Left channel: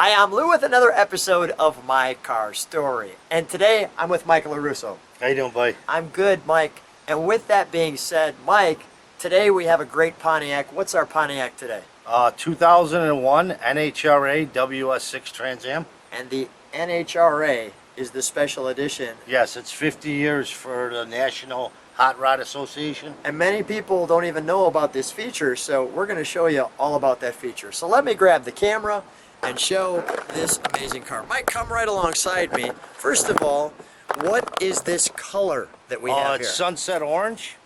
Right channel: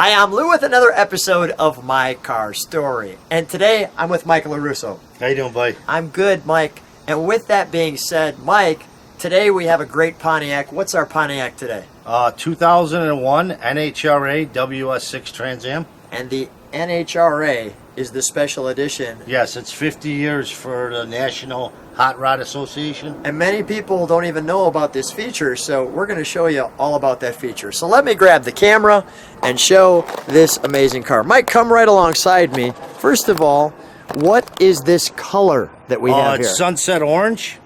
Hi, I'm Lou with another episode of My Car Story. And today I'm with Mike Lorusso. How you doing, buddy? I'm good, Mike. And with that being said, Mike, today we have a great Pontiac. What's our Pontiac today? 2001 NHRA WS6 Trans Am. And the NHRA is the Special Edition. Yes, it's 50 years for the National Hot Rod Association. And many people don't even know about this feature, so we're going to show you all about that feature. So let me grab the camera and show this amazing car. Mike, come right alongside me. First of all, what is this color that we have It's here? sunset orange.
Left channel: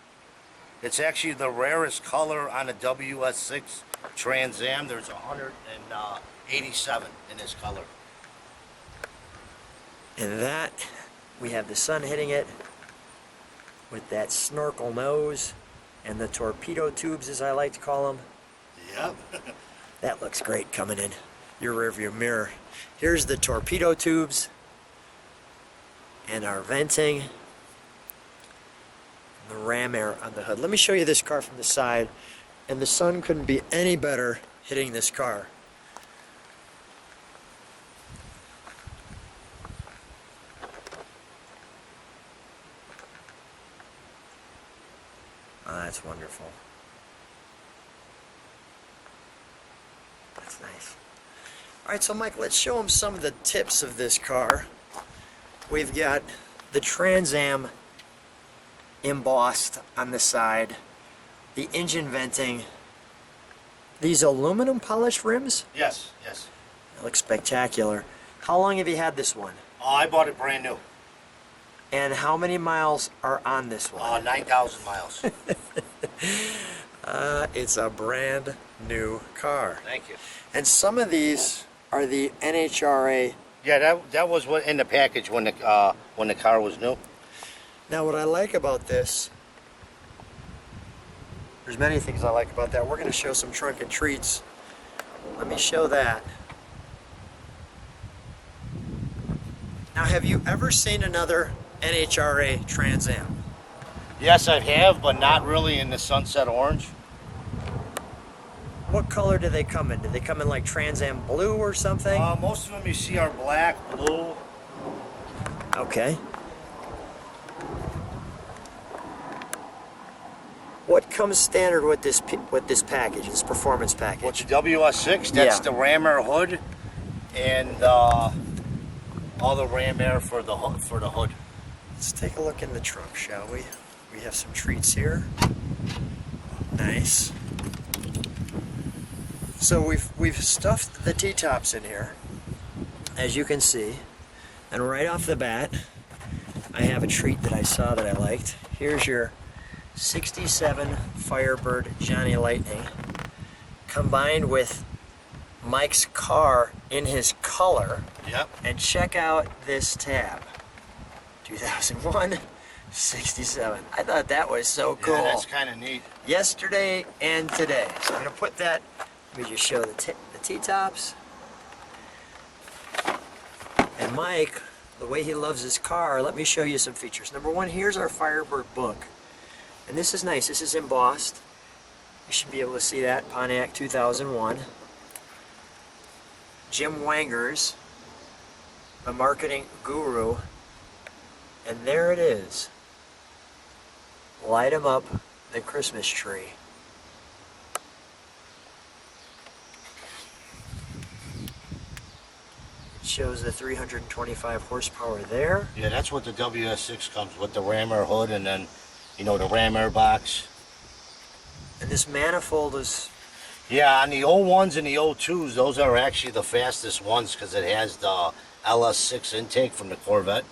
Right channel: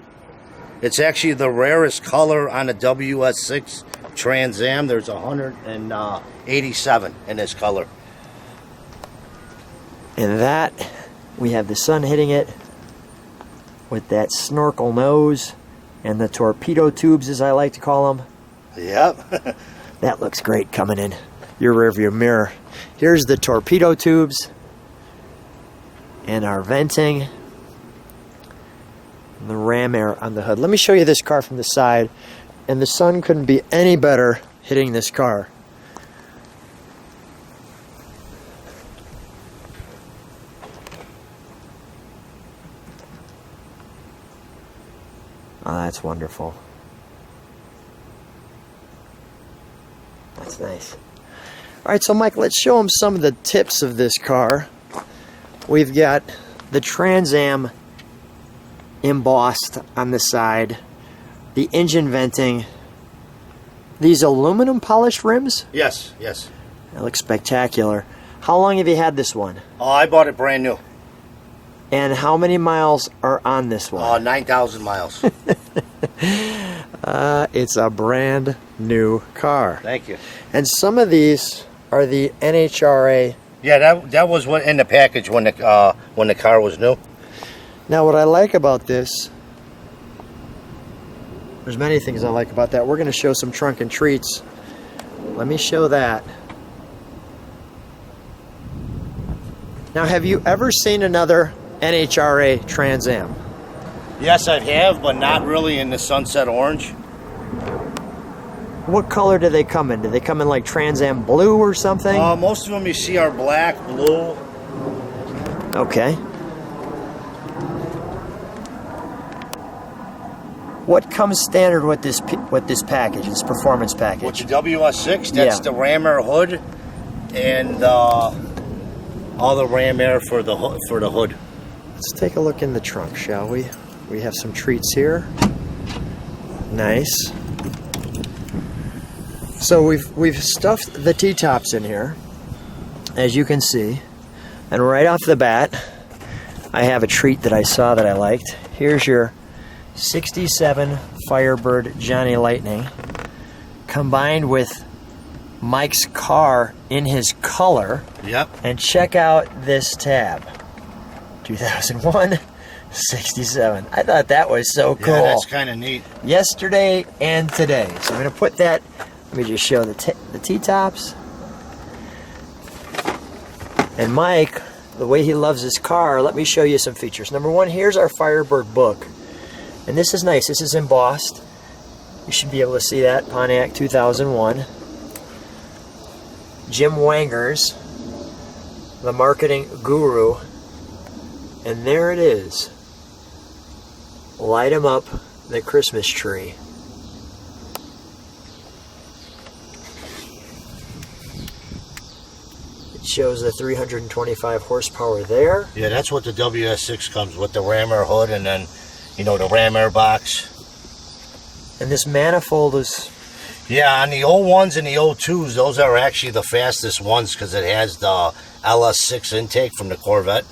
It's actually the rarest color on the WS6 Trans Am. There's 187 in this color. And that, we have the sun hitting it with that snorkel nose and the torpedo tubes, as I like to call them. Yep. That looks great coming in your rearview mirror. Here's the torpedo tubes and our venting and the ram air on the hood. Let me show you this car from the side, and the sun couldn't be any better hitting this car. Oh, that's wonderful. That's nice. All right, so Mike, let's show them some of the tips of this car. We've got the Trans Am embossed on the side, the engine venting, these aluminum polished rims. Yes. They look spectacular. How long have you had this one? I bought it brand new. And how many miles are on this one? 9,000 miles. It's a brand new car. Thank you. And some of these are the NHRA. Yeah, that was what in the package when the car was new. Now, what I like about this, there's many things I like about that. We're going to show some trunk and treats. Let me show that. Now, have you ever seen another NHRA Trans Am? Yes, I have, but not really in the sunset orange. What color do they come in? Do they come in like Trans Am blue or something? Most of them you see are black, blue. Okay. What comes standard with this package, this performance package? What's the WS6? That's the ram air hood, and all the ram air for the hood. Let's take a look in the trunk, shall we? We have some treats here. Nice. So we've stuffed the T-tops in here, as you can see, and right off the bat, I have a treat that I saw that I liked. Here's your 67 Firebird Johnny Lightning, combined with Mike's car in his color. Yep. And check out this tab. 2001 67. I thought that was so cool. Yeah, that's kind of neat. Yesterday and today. So I'm going to put that, let me just show the T-tops. And Mike, the way he loves his car, let me show you some features. Number one, here's our Firebird book. And this is nice. This is embossed. You should be able to see that. Pontiac 2001. Jim Wanger's, the marketing guru. And there it is. Light 'em up, the Christmas tree. It shows the 325 horsepower there. Yeah, that's what the WS6 comes with, the ram air hood, and then, you know, the ram air box. And this manifold is... Yeah, on the old ones and the old 2s, those are actually the fastest ones because it has the LS6 intake from the Corvette.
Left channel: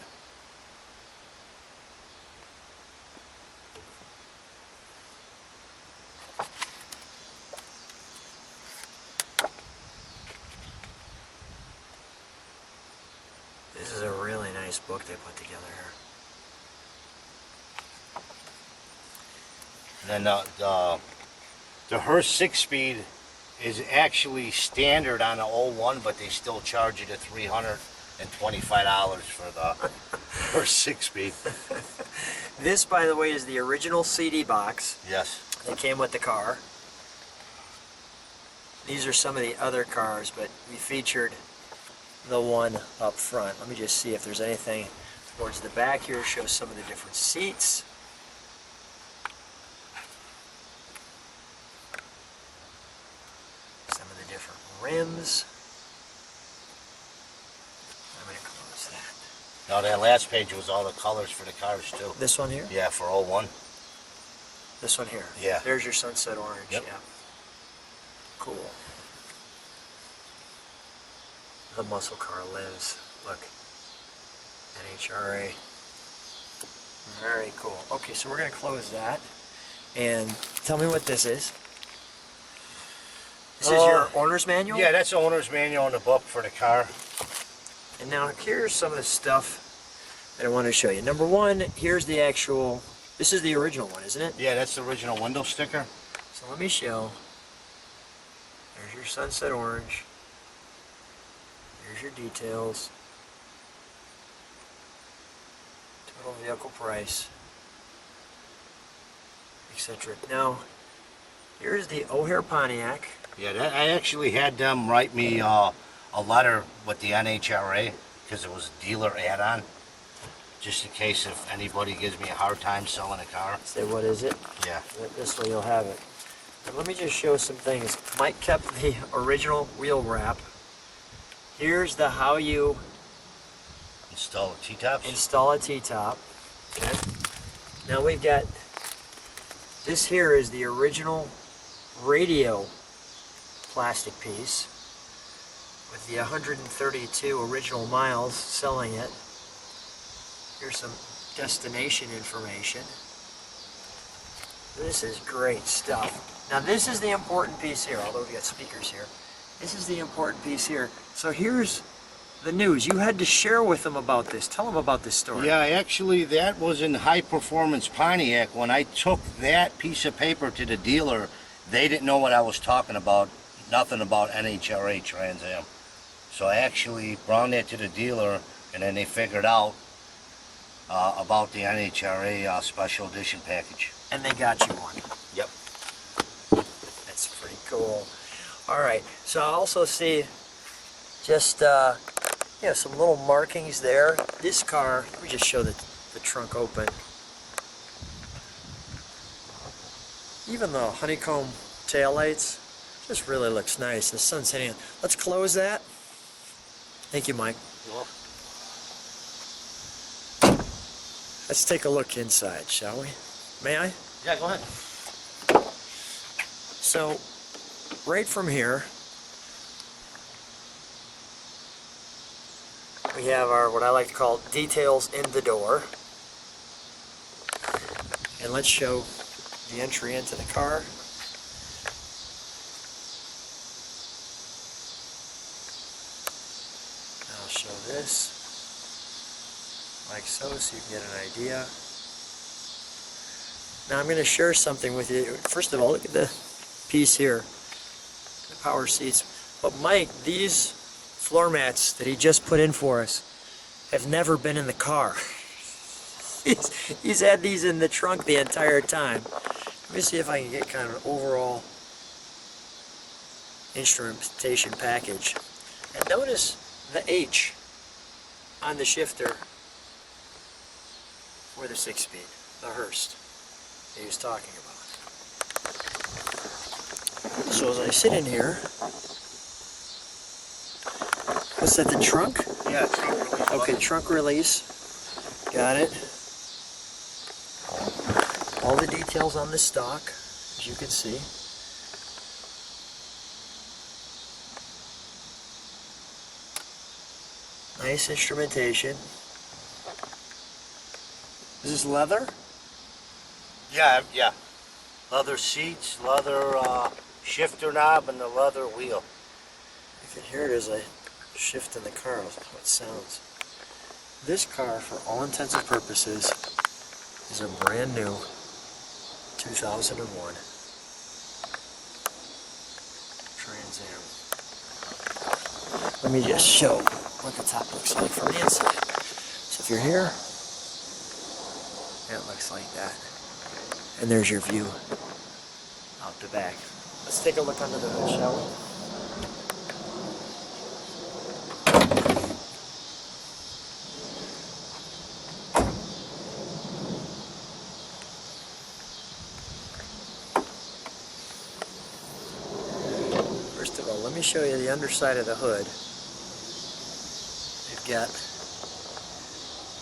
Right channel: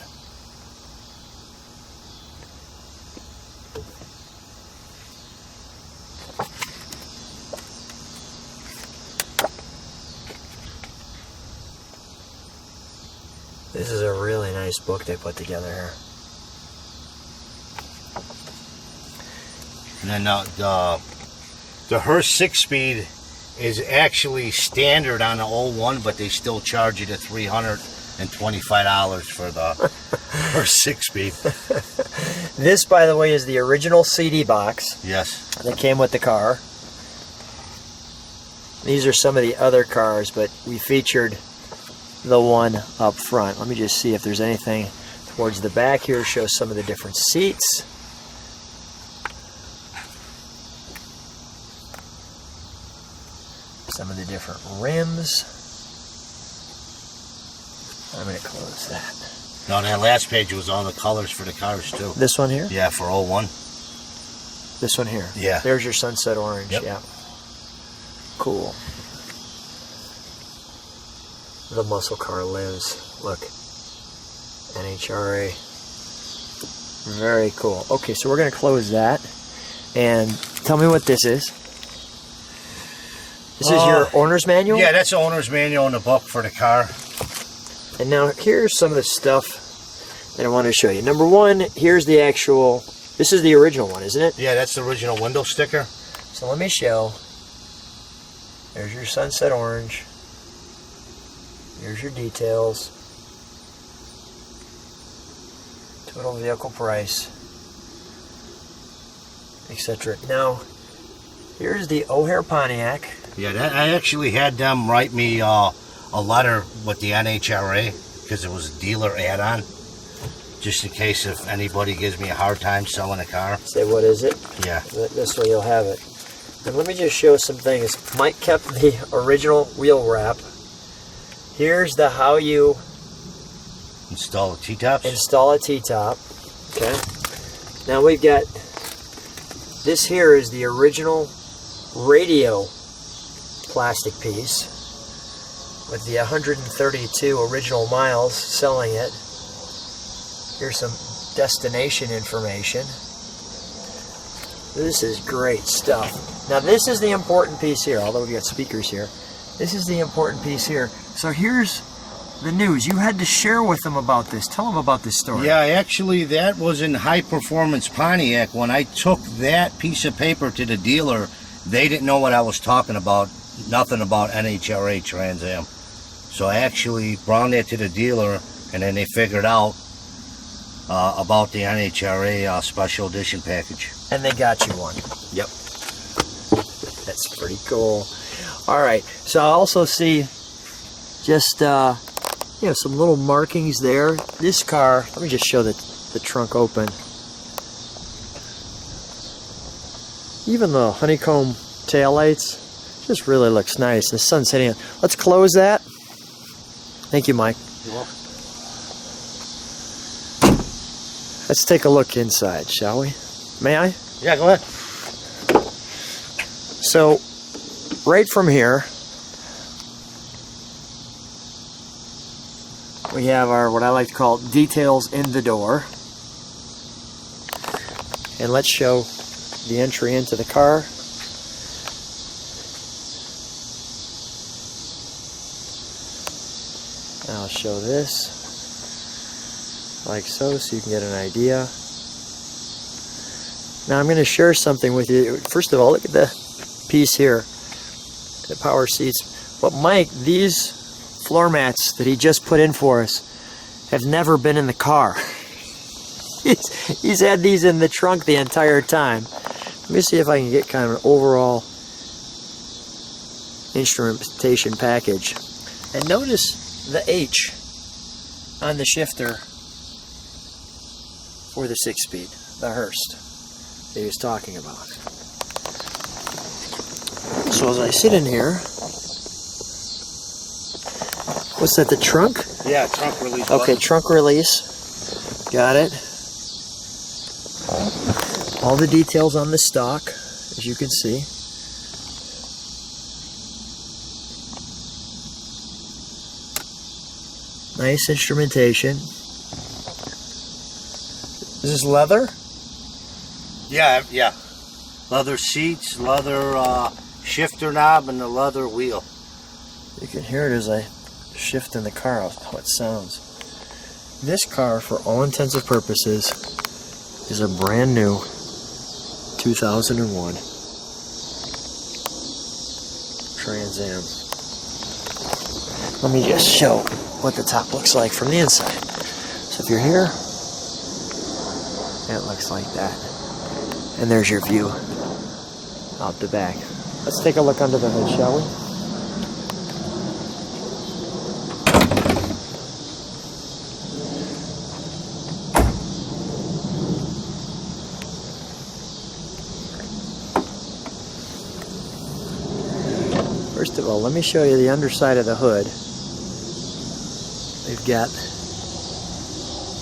This is a really nice book they put together here. And then the Hurst 6-speed is actually standard on the old one, but they still charge you the $325 for the Hurst 6-speed. This, by the way, is the original CD box. Yes. That came with the car. These are some of the other cars, but we featured the one up front. Let me just see if there's anything towards the back here. Show some of the different seats. Some of the different rims. I'm going to close that. No, that last page was all the colors for the cars too. This one here? Yeah, for 01. This one here? Yeah. There's your sunset orange. Yep. Yeah. Cool. The muscle car lives. Look. NHRA. Very cool. Okay, so we're going to close that. And tell me what this is. This is your owner's manual? Yeah, that's the owner's manual in the book for the car. And now here's some of the stuff that I want to show you. Number one, here's the actual, this is the original one, isn't it? Yeah, that's the original window sticker. So let me show. There's your sunset orange. Here's your details. Total vehicle price, etc. Now, here's the O'Hare Pontiac. Yeah, I actually had them write me a letter with the NHRA because it was a dealer add-on, just in case if anybody gives me a hard time selling a car. Say, what is it? Yeah. This way you'll have it. And let me just show some things. Mike kept the original wheel wrap. Here's the how you Install the T-tops? install a T-top. Okay. Now we've got, this here is the original radio plastic piece with the 132 original miles selling it. Here's some destination information. This is great stuff. Now this is the important piece here, although we got speakers here. This is the important piece here. So here's the news. You had to share with them about this. Tell them about this story. Yeah, actually that was in High Performance Pontiac. When I took that piece of paper to the dealer, they didn't know what I was talking about. Nothing about NHRA Trans Am. So I actually brought that to the dealer, and then they figured out about the NHRA Special Edition package. And they got you one. Yep. That's pretty cool. All right, so I also see just some little markings there. This car, let me just show the trunk open. Even the honeycomb taillights just really looks nice. The sun's hitting it. Let's close that. Thank you, Mike. You're welcome. Let's take a look inside, shall we? May I? Yeah, go ahead. So, right from here, we have our, what I like to call, details in the door. And let's show the entry into the car. I'll show this like so you can get an idea. Now I'm going to share something with you. First of all, look at the piece here, the power seats. But Mike, these floor mats that he just put in for us have never been in the car. He's had these in the trunk the entire time. Let me see if I can get kind of an overall instrumentation package. And notice the H on the shifter for the 6-speed, the Hurst that he was talking about. So as I sit in here, what's that, the trunk? Yeah, trunk release. Okay, button. trunk release. Got it. All the details on the stock, as you can see. Nice instrumentation. Is this leather? Yeah, yeah. Leather seats, leather shifter knob, and the leather wheel. You can hear it as I shift in the car, how it sounds. This car, for all intents and purposes, is a brand new 2001 Trans Am. Let me just show what the top looks like from the inside. So if you're here, it looks like that. And there's your view out the back. Let's take a look under the hood, shall we? let me show you the underside of the hood. We've got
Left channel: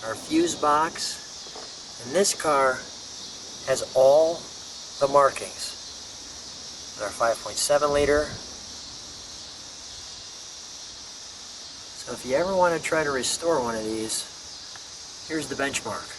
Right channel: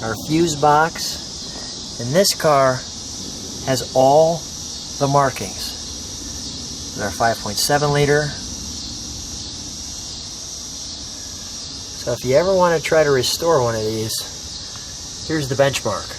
our fuse box, and this car has all the markings. Our 5.7 liter. So if you ever want to try to restore one of these, here's the benchmark.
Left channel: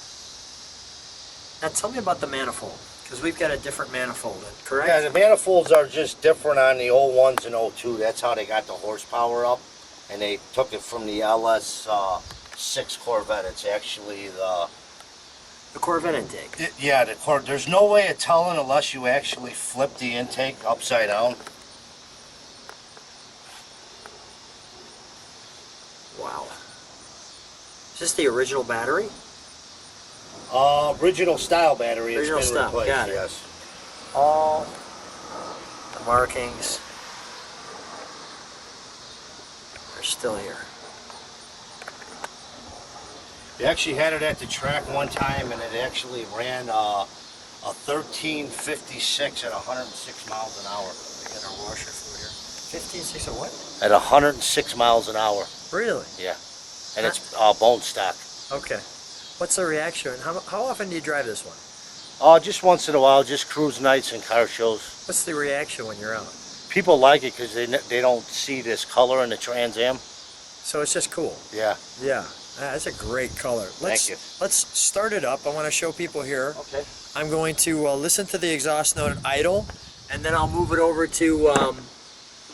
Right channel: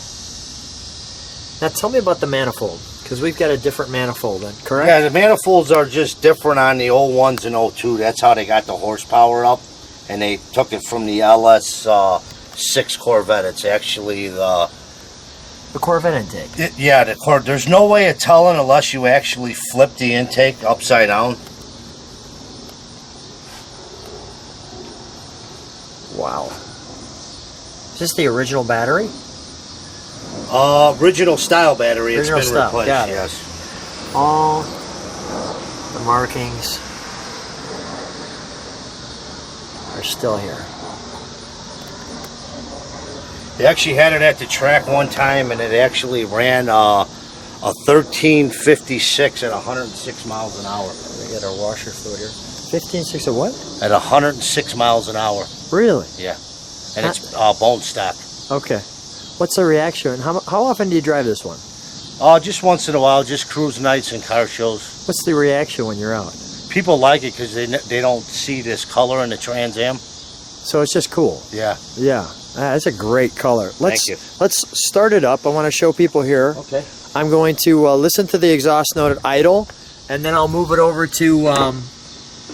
Now tell me about the manifold, because we've got a different manifold, correct? Yeah, the manifolds are just different on the 01s and 02. That's how they got the horsepower up, and they took it from the LS6 Corvette. It's actually the Corvette intake. There's no way of telling unless you actually flip the intake upside down. Wow. Is this the original battery? Original style battery. Original it's been style. replaced. Got it. Yes. All the markings are still here. They actually had it at the track one time, and it actually ran a 1356 at 106 miles an hour. We got our washer fluid here. 15.6 of what? At 106 miles an hour. Really? Yeah. And it's bone stock. Okay. What's the reaction? How often do you drive this one? Just once in a while, just cruise nights and car shows. What's the reaction when you're out? People like it because they don't see this color in the Trans Am. So it's just cool. Yeah. Yeah. That's a great color. Thank you. Let's start it up. I want to show people here. Okay. I'm going to listen to the exhaust note at idle, and then I'll move it over to,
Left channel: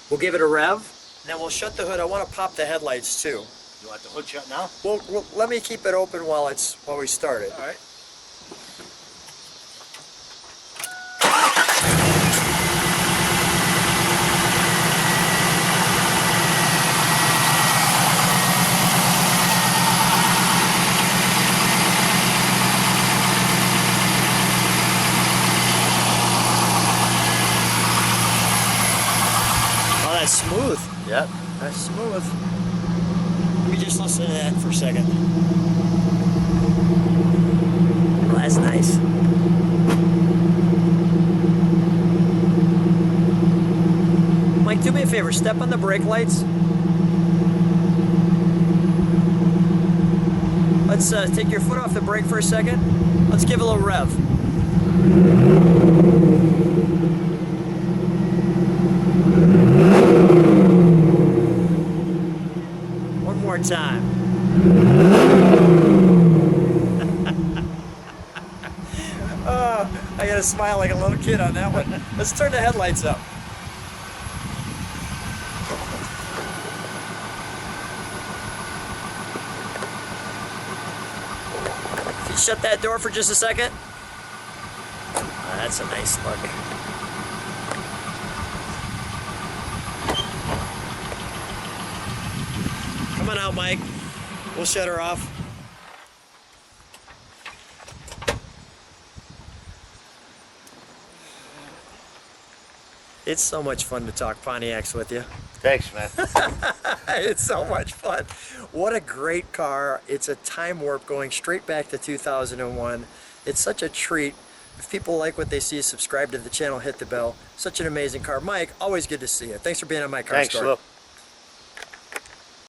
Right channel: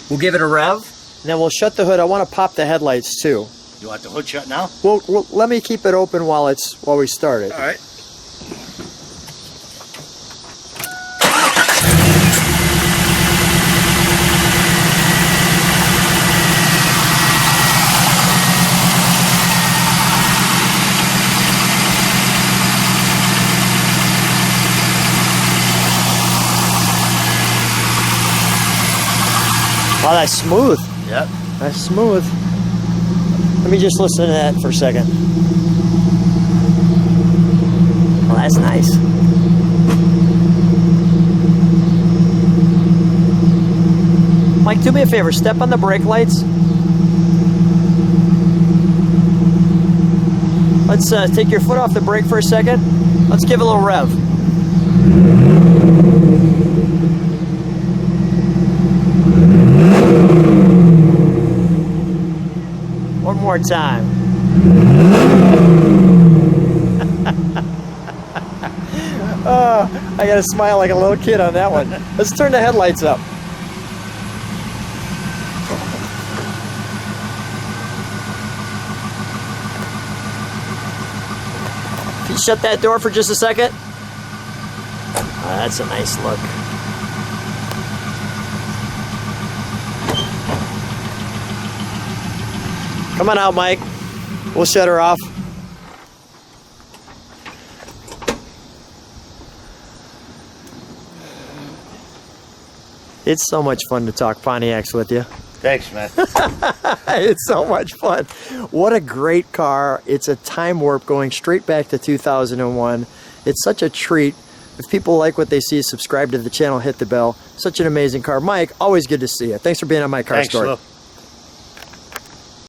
we'll give it a rev, and then we'll shut the hood. I want to pop the headlights too. You want the hood shut now? Well, let me keep it open while we start it. All right. Wow, that's smooth. Yep. That's smooth. Let me just listen to that for a second. Oh, that's nice. Mike, do me a favor. Step on the brake lights. Let's take your foot off the brake for a second. Let's give it a little rev. One more time. Oh, I gotta smile like a little kid on that one. Let's turn the headlights up. Can you shut that door for just a second? Oh, that's a nice look. Come on out, Mike. We'll shut her off. It's so much fun to talk Pontiacs with you. Thanks, man. It's so much fun. What a great car. It's a time warp going straight back to 2001. It's such a treat. If people like what they see, subscribe to the channel, hit the bell. Such an amazing car. Mike, always good to see you. Thanks for being on my car story. Thanks, Lou.